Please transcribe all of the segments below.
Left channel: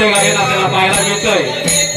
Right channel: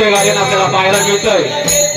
नृत्य गायन आपल्याला पाहायला मिळतंय.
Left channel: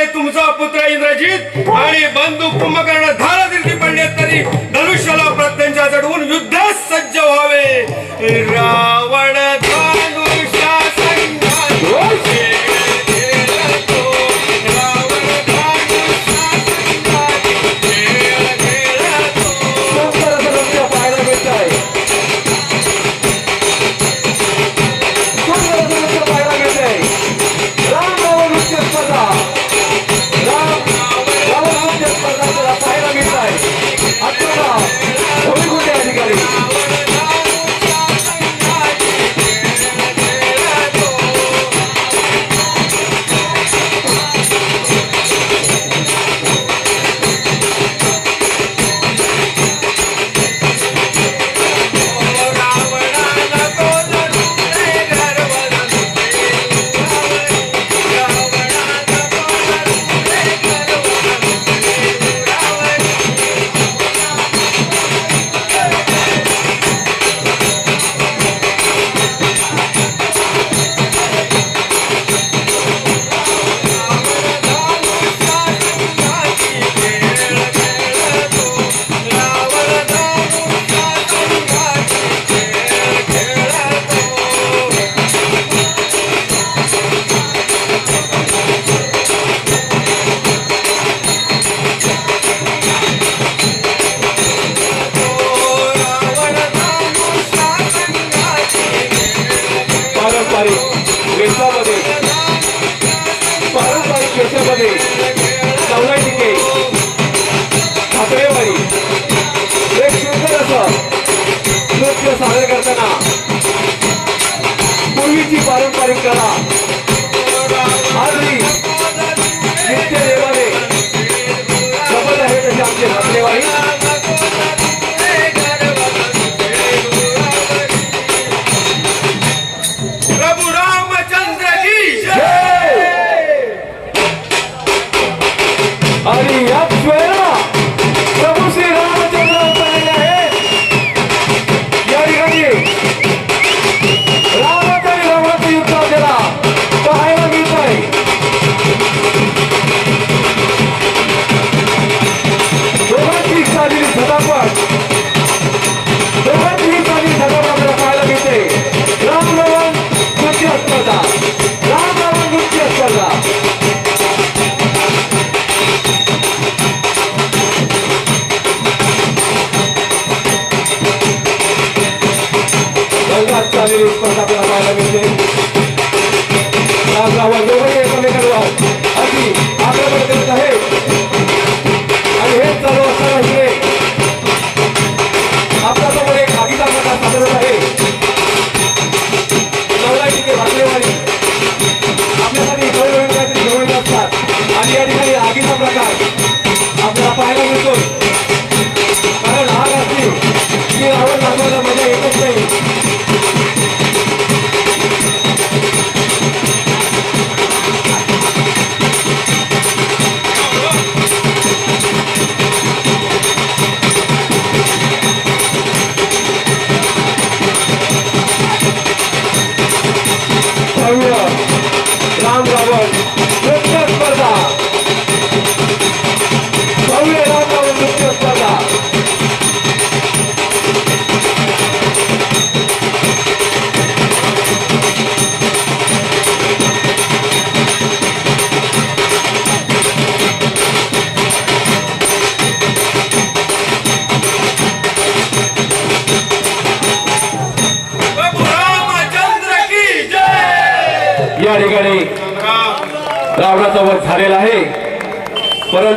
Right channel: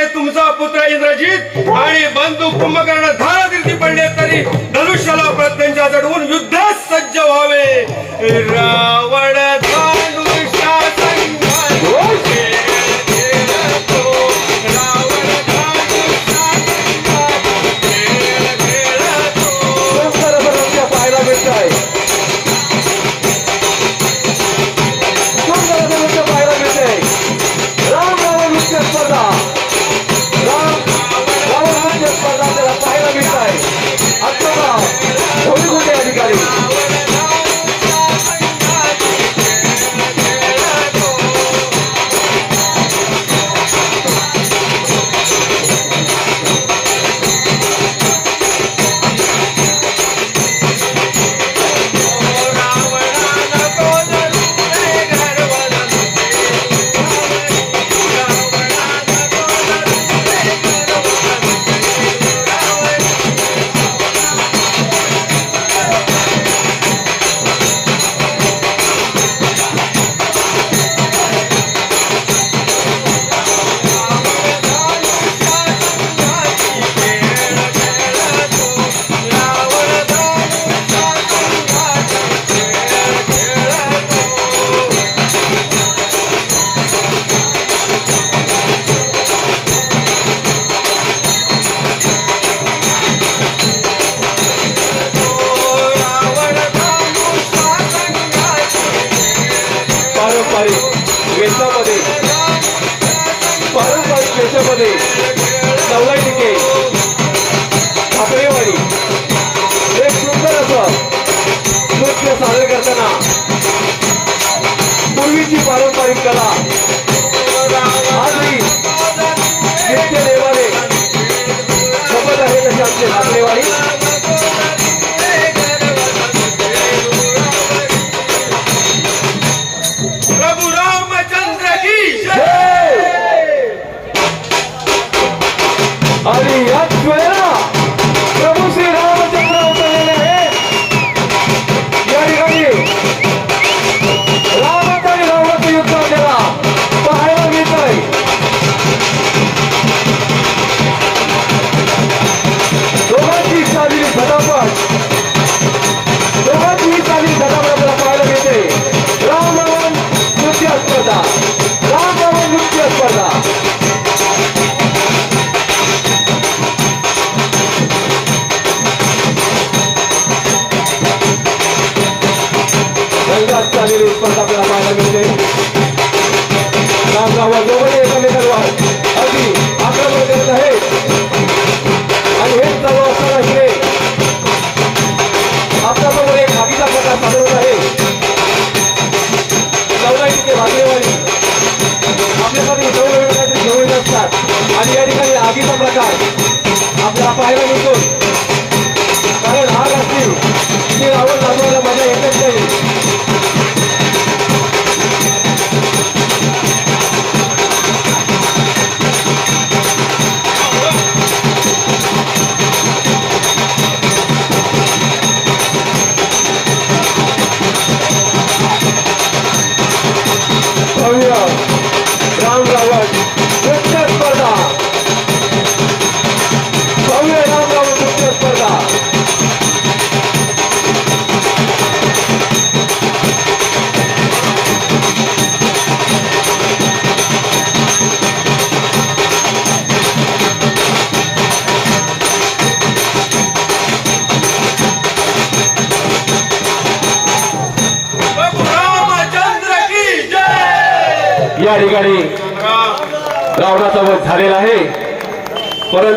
म्हणजे तुमचा पुत्र इंद्रजीत आणि बंदू कुंभकर्ण धारा दिली पडले तरी धनुष्याला प्रत्यंच्या चढवून युद्धास सज्ज व्हावे. रावण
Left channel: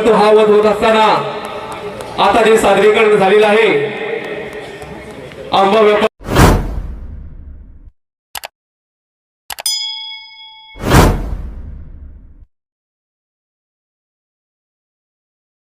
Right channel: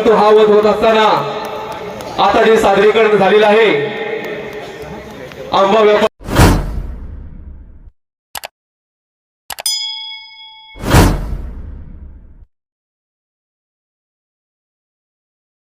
परंतु हा वध होत असताना आता जे सादरीकरण झालेलं आहे. आंबा व्यापार